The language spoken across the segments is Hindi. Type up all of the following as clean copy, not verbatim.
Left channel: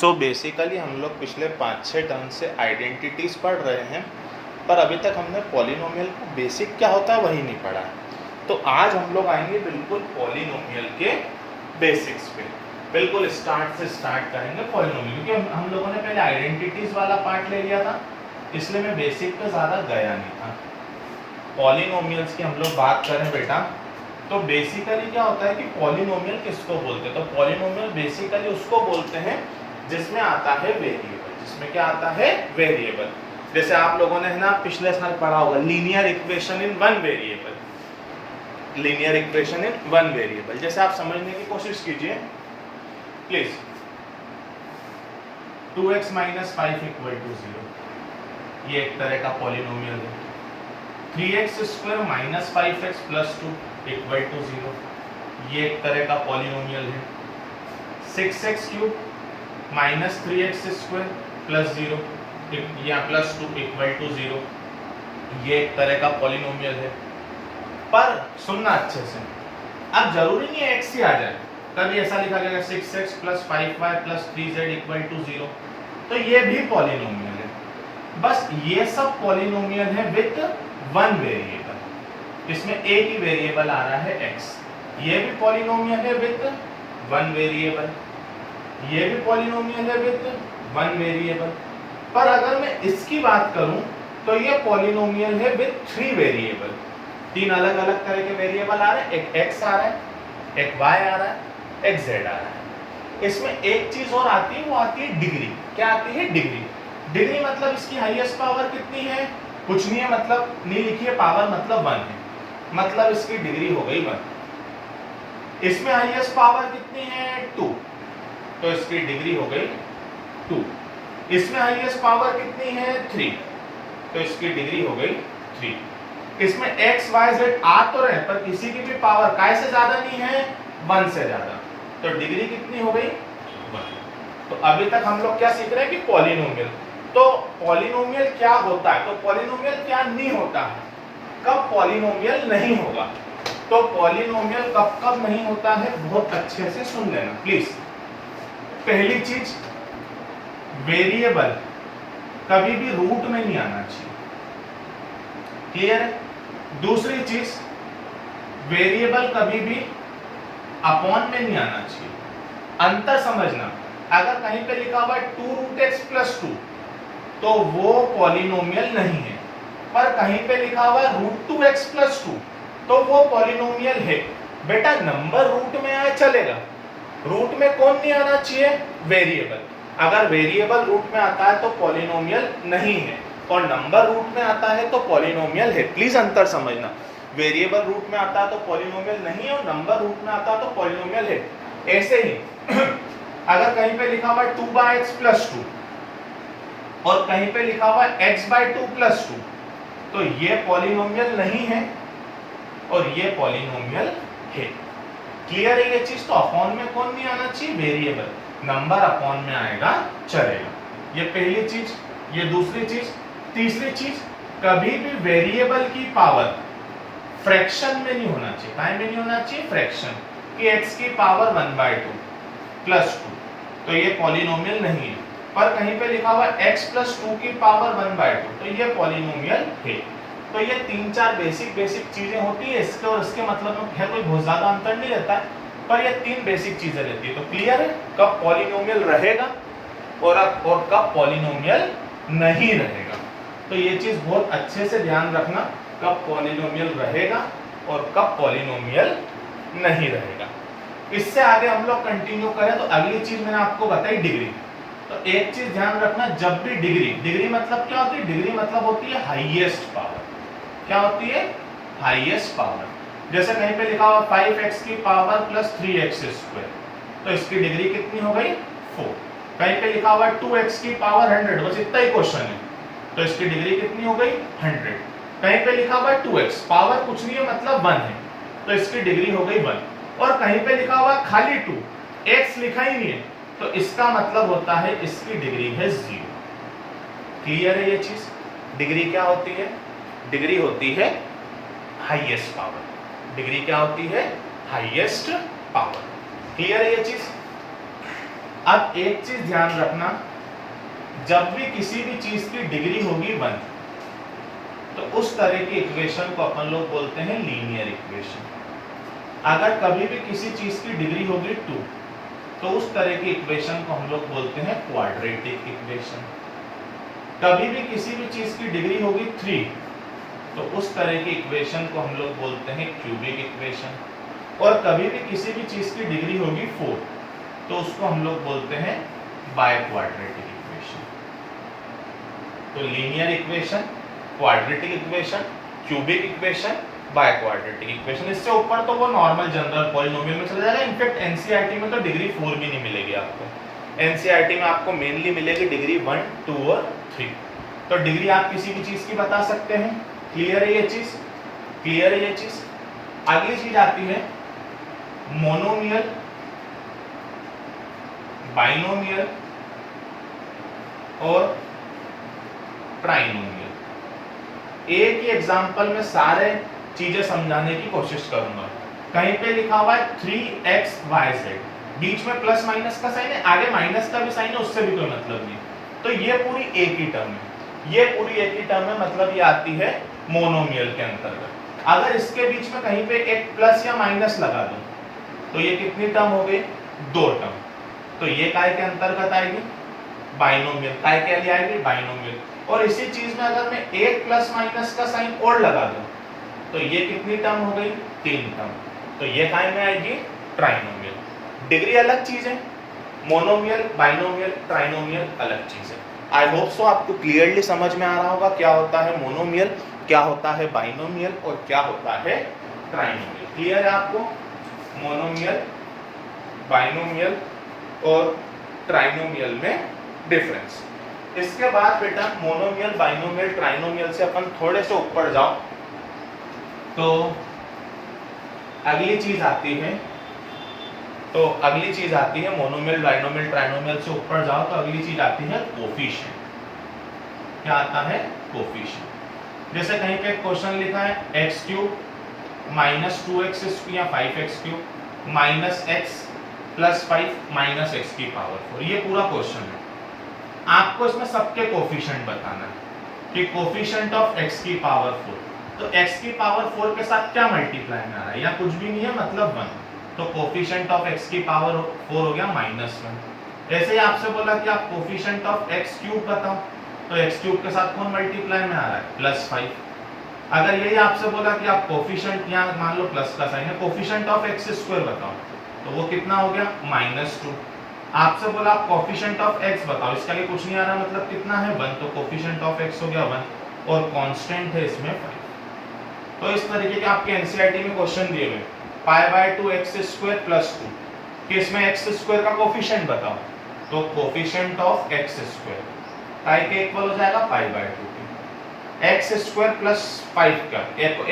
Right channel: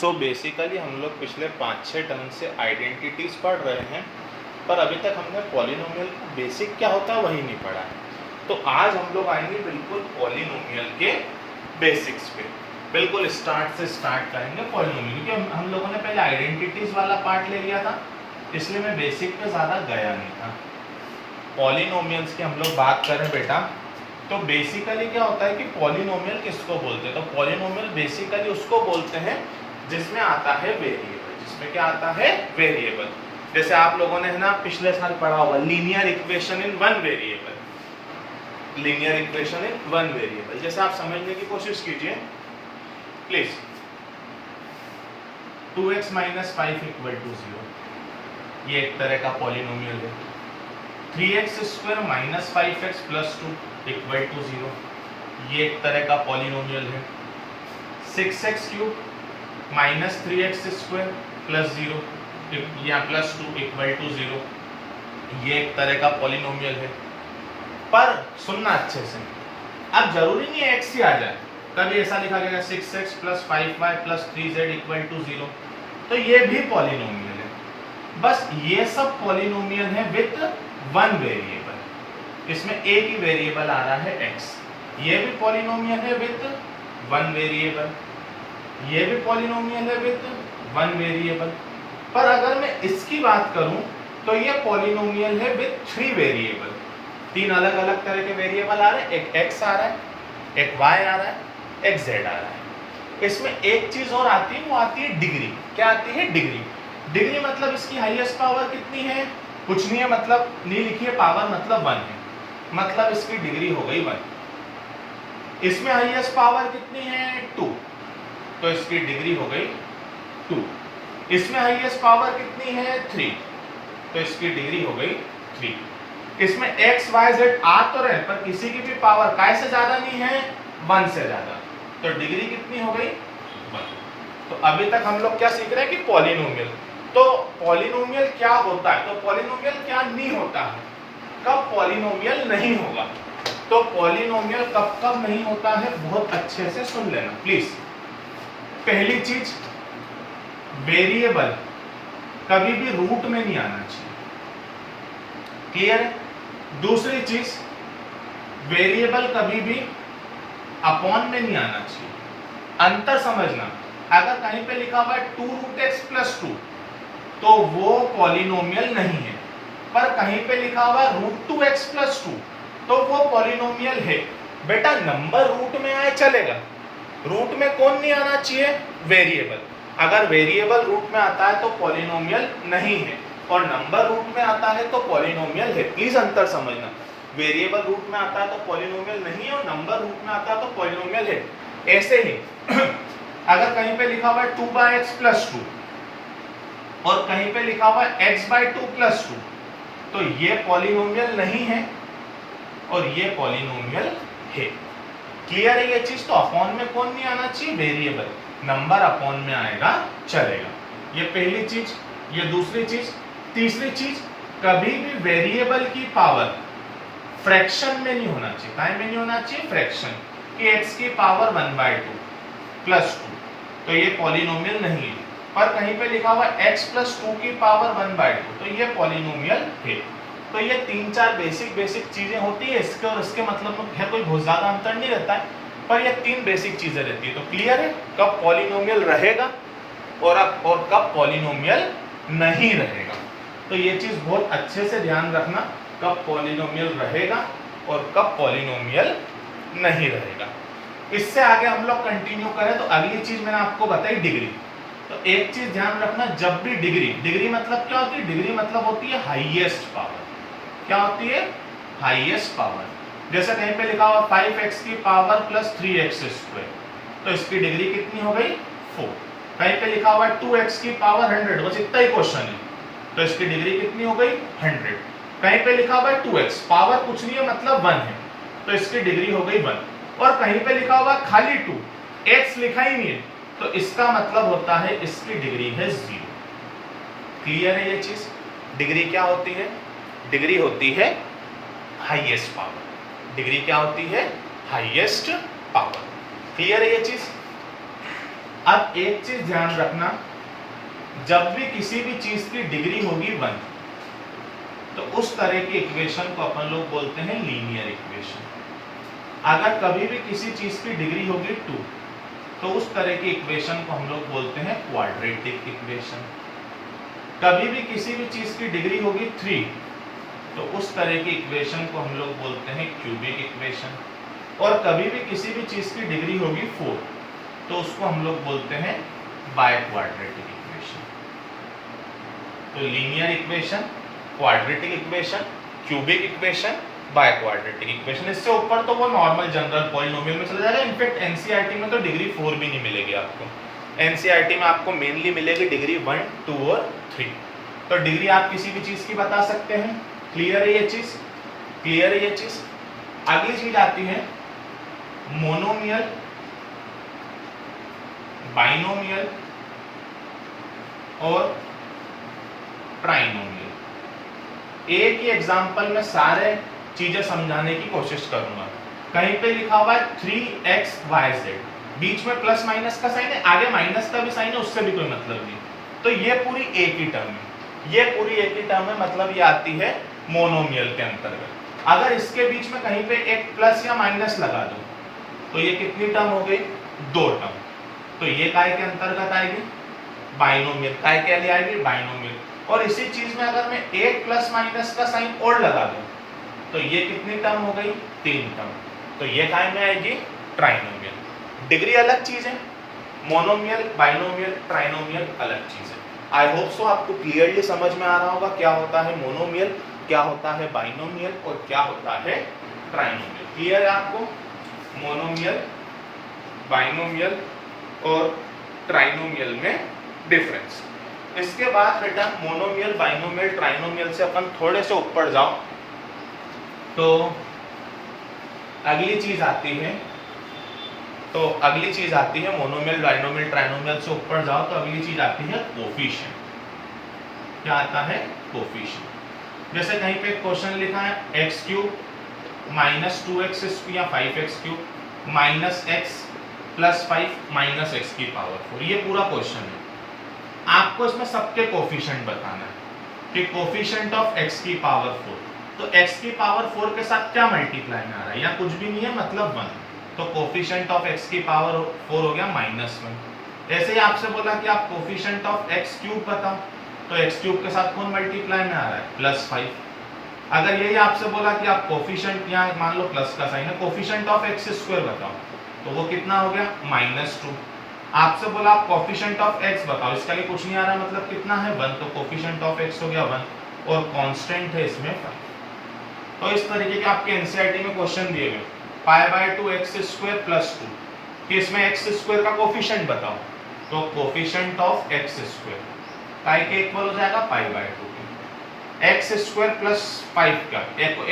सो बेसिकली हम लोग पिछले 5-6 टर्म से आइडेंटिटीज पढ़ रहे हैं, पर अभी तक हमने पॉलिनोमियल का बेसिक क्या होता है वही नहीं पढ़ा है। तो आज हम लोग आएंगे बिल्कुल पॉलिनोमियल के बेसिक्स पे, बिल्कुल स्टार्ट से स्टार्ट करेंगे पॉलिनोमियल, क्योंकि हम लोगों ने पहले आइडेंटिटीज वाला पार्ट ले लिया था, इसलिए मैं बेसिक पे ज़्यादा गया नहीं था। पॉलिनोमियल्स की हम लोग बात करें बेटा, तो बेसिकली क्या होता है कि पॉलिनोमियल किसको बोलते हैं? तो पॉलिनोमियल बेसिकली उसको बोलते हैं जिसमें आता है वेरिएबल। जिसमें क्या आता है? वेरिएबल। जैसे आप लोगों ने है ना पिछले साल पढ़ा होगा linear equation in one variable. Linear equation in one variable जैसे आप समझने की कोशिश कीजिए प्लीज। 2x - 5 = 0, ये एक तरह का पॉलिनोमियल है। 3x² - 5x + 2 = 0, ये एक तरह का पॉलिनोमियल है। 6x³ - 3x² + 0 या +2 = 0, ये एक तरह का पॉलिनोमियल है। पर सुनना अच्छे से, अब जरूरी नहीं है x ही आ जाए, कभी ऐसा लिखा जाएगा 6x + 5y + 3z = 0, तो ये भी पॉलिनोमियल है। बस ये सब पॉलिनोमियल है विद वन वेरिएबल, इसमें एक ही वेरिएबल आ रहा है x। ये भी पॉलिनोमियल है विद वन वेरिएबल, ये भी पॉलिनोमियल है विद वन वेरिएबल। पर अगर मैं इसकी बात करूं तो ये पॉलिनोमियल है विद थ्री वेरिएबल। तीन अलग अलग तरह के वेरिएबल आ रहे हैं, एक x आ रहा है, एक y आ रहा है, एक z आ रहा है। इसमें एक चीज और आती है, वो आती है डिग्री। क्या आती है? डिग्री। डिग्री मतलब इसकी हाईएस्ट पावर कितनी है? कुछ नहीं है, मतलब नहीं लिखी है पावर, मतलब 1 है, मतलब इसकी डिग्री हो गई 1। इसमें हाईएस्ट पावर कितनी है? 2, तो इसकी डिग्री हो गई 2। इसमें हाईएस्ट पावर कितनी है? 3, तो इसकी डिग्री हो गई 3। इसमें x y z आ तो रहे, पर किसी की भी पावर काय से ज्यादा नहीं है, 1 से ज्यादा, तो डिग्री कितनी हो गई? 1। तो अभी तक हम लोग क्या सीख रहे हैं कि पॉलिनोमियल। तो पॉलिनोमियल क्या होता है, तो पॉलिनोमियल क्या नहीं होता है, कब पॉलिनोमियल नहीं होगा। तो पॉलिनोमियल कब कब नहीं होता है, बहुत अच्छे से सुन लेना प्लीज। पहली चीज, वेरिएबल कभी भी रूट में नहीं आना चाहिए, क्लियर है? दूसरी चीज, वेरिएबल कभी भी अपॉन में नहीं आना चाहिए। अंतर समझना, अगर कहीं पे लिखा हुआ है 2√x + 2 तो वो पॉलिनोमियल नहीं है, पर कहीं पे लिखा हुआ है √2x + 2 तो वो पॉलिनोमियल है। बेटा नंबर रूट में आए चलेगा, रूट में कौन नहीं आना चाहिए? वेरिएबल। अगर वेरिएबल रूट में आता है तो पॉलिनोमियल नहीं है, और नंबर रूट में आता है तो पॉलिनोमियल है। प्लीज अंतर समझना, वेरिएबल रूट में आता है तो पॉलिनोमियल नहीं है, और नंबर रूट में आता है तो पॉलिनोमियल है। ऐसे ही अगर कहीं पे लिखा हुआ है 2/x + 2 और कहीं पे लिखा हुआ है x/2 + 2 तो ये पॉलिनोमियल नहीं है और ये पॉलिनोमियल है। क्लियर है ये चीज? तो अपॉन में कौन नहीं आना चाहिए? वेरिएबल। नंबर अपॉन में आएगा चलेगा, ये पहली चीज। ये दूसरी चीज। तीसरी चीज, कभी भी वेरिएबल की पावर फ्रैक्शन में नहीं होना चाहिए। काय में नहीं होना चाहिए? फ्रैक्शन, कि x की पावर 1/2 + 2 तो ये पॉलिनोमियल नहीं है। पर कहीं पे लिखा हुआ x + 2 की पावर 1/2 तो ये पॉलिनोमियल है। तो ये 3-4 बेसिक चीजें होती है, इसके और इसके मतलब में है कोई बहुत ज्यादा अंतर नहीं रहता है, पर ये 3 बेसिक चीजें रहती है। तो क्लियर है कब पॉलिनोमियल रहेगा और कब पॉलिनोमियल नहीं रहेगा। तो ये चीज बहुत अच्छे से ध्यान रखना, कब पॉलिनोमियल रहेगा और कब पॉलिनोमियल नहीं रहेगा। इससे आगे हम लोग कंटिन्यू करें तो अगली चीज मैंने आपको बताई डिग्री। तो एक चीज ध्यान रखना, जब भी डिग्री मतलब क्या होती है? डिग्री मतलब होती है हाईएस्ट पावर। क्या होती है? Highest power. जैसे कहीं पे लिखा हुआ 5x की पावर + 3x², तो इसकी डिग्री कितनी हो गई? 4। कहीं पे लिखा हुआ है 2x की पावर 100, बस इतना ही क्वेश्चन है, तो इसकी डिग्री कितनी हो गई? 100। कहीं पे लिखा हुआ है 2x, पावर कुछ नहीं है मतलब 1 है, तो इसकी डिग्री हो गई 1। और कहीं पे लिखा हुआ है खाली 2, x लिखा ही नहीं है, तो इसका मतलब होता है इसकी डिग्री है 0। क्लियर है ये चीज? डिग्री क्या होती है? डिग्री होती है हाईएस्ट पावर। डिग्री क्या होती है? Highest power. क्लियर है ये चीज? अब एक चीज ध्यान रखना, जब भी किसी भी चीज की डिग्री होगी 1 तो उस तरह की इक्वेशन को अपन लोग बोलते हैं लीनियर इक्वेशन। अगर कभी भी किसी चीज की डिग्री होगी 2 तो उस तरह की इक्वेशन को हम लोग बोलते हैं क्वाड्रेटिक इक्वेशन। कभी भी किसी भी चीज की डिग्री होगी 3 तो उस तरह की इक्वेशन को हम लोग बोलते हैं क्यूबिक इक्वेशन। और कभी भी किसी भी चीज की डिग्री होगी 4 तो उसको हम लोग बोलते हैं बाय क्वाड्रेटिक इक्वेशन। तो linear equation, quadratic equation, cubic equation, by quadratic equation. इससे ऊपर तो वो नॉर्मल जनरल पॉलिनोमियल में चला जाएगा। इनफैक्ट एनसीईआरटी में तो डिग्री 4 भी नहीं मिलेगी आपको। एनसीईआरटी में आपको मेनली मिलेगी डिग्री 1, 2 और 3। तो डिग्री आप किसी भी चीज की बता सकते हैं। क्लियर है ये चीज? क्लियर है ये चीज? अगली चीज आती है मोनोमियल, बाइनोमियल और ट्राइनोमियल। एक ही एग्जांपल में सारे चीजें समझाने की कोशिश करूंगा। कहीं पे लिखा हुआ है 3xyz, बीच में प्लस माइनस का साइन है, आगे माइनस का भी साइन है, उससे भी कोई मतलब नहीं। तो ये पूरी एक ही टर्म है, ये पूरी एक ही टर्म है, मतलब ये आती है मोनोमियल के अंतर्गत। अगर इसके बीच में कहीं पे एक प्लस या माइनस लगा दो तो ये कितनी टर्म हो गई? 2 टर्म। तो ये काय के अंतर्गत आएगी? बाइनोमियल। काय के लिए आएगी? बाइनोमियल। और इसी चीज में अगर मैं एक प्लस माइनस का साइन और लगा दूं तो ये कितनी टर्म हो गई? 3 टर्म। तो ये काय में आएगी? ट्राइनोमियल। डिग्री अलग चीज है, मोनोमियल, बाइनोमियल, ट्राइनोमियल अलग चीज है। आई होप सो आपको क्लियरली समझ में आ रहा होगा क्या होता है मोनोमियल, क्या होता है बाइनोमियल और क्या होता है ट्राइनोमियल। क्लियर है आपको? मोनोमियल, बाइनोमियल और ट्राइनोमियल में डिफरेंस। इसके बाद बेटा मोनोमियल, बाइनोमियल, ट्राइनोमियल से अपन थोड़े से ऊपर जाओ तो अगली चीज आती है मोनोमियल, बाइनोमियल, ट्राइनोमियल से ऊपर जाओ तो अगली चीज आती है कोफिशिएंट। क्या आता है? कोफिशिएंट। जैसे कहीं पे क्वेश्चन लिखा है x³ माइनस 2x² या 5x³ minus x plus 5 minus x की पावर 4, ये पूरा क्वेश्चन है। आपको इसमें सबके कोफिशिएंट बताना है कि कोफिशिएंट ऑफ x की पावर 4, तो x की पावर 4 के साथ क्या मल्टीप्लाई में आ रहा है? या कुछ भी नहीं है, मतलब 1। तो कोफिशिएंट ऑफ x की पावर 4 हो गया -1। ऐसे ही आपसे बोला कि आप कोफिशिएंट ऑफ x³ बताओ, तो x³ के साथ कौन मल्टीप्लाई में आ रहा है? +5। अगर यही आपसे बोला कि आप कोफिशिएंट, यहाँ मान लो प्लस का साइन है, कोफिशिएंट ऑफ x² बताओ, तो वो कितना हो गया? -2। आपसे बोला आप कोफिशिएंट ऑफ x बताओ, इसका लिए कुछ नहीं आ रहा, मतलब कितना है? 1। तो कोफिशिएंट ऑफ x हो गया 1 और कांस्टेंट है इसमें 5। तो इस तरीके के आपके एनसीईआरटी में क्वेश्चन दिए गए π/2 x² + 2 कि इसमें x² का कोफिशिएंट बताओ, तो कोफिशिएंट ऑफ x² काय के इक्वल हो जाएगा? π/2 के। x² + 5 का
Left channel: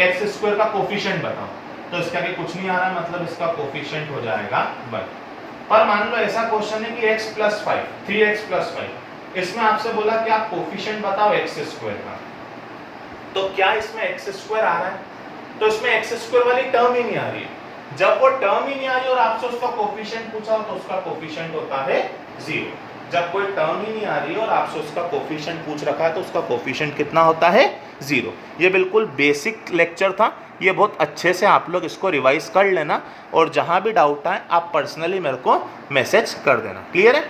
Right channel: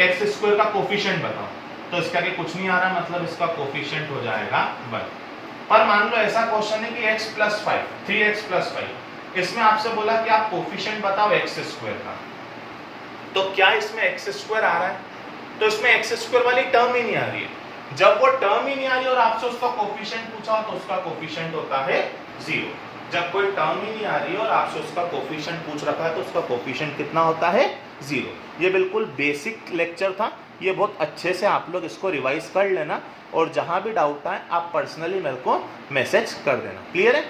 x² का कोफिशिएंट बताओ, तो इसका के कुछ नहीं आ रहा, मतलब इसका कोफिशिएंट हो जाएगा 1। पर मान लो ऐसा क्वेश्चन है कि x + 5, 3x + 5, इसमें आपसे बोला कि आप कोफिशिएंट बताओ x² का, तो क्या इसमें x² आ रहा है? तो इसमें x² वाली टर्म ही नहीं आ रही है। जब वो टर्म ही नहीं आ रही और आपसे उसका कोफिशिएंट पूछा हो तो उसका कोफिशिएंट होता है 0। जब कोई टर्म ही नहीं आ रही और आपसे उसका कोफिशिएंट पूछ रखा है तो उसका कोफिशिएंट कितना होता है? 0। ये बिल्कुल बेसिक लेक्चर था, ये बहुत अच्छे से आप लोग इसको रिवाइज कर लेना और जहां भी डाउट आए आप पर्सनली मेरे को मैसेज कर देना। क्लियर है?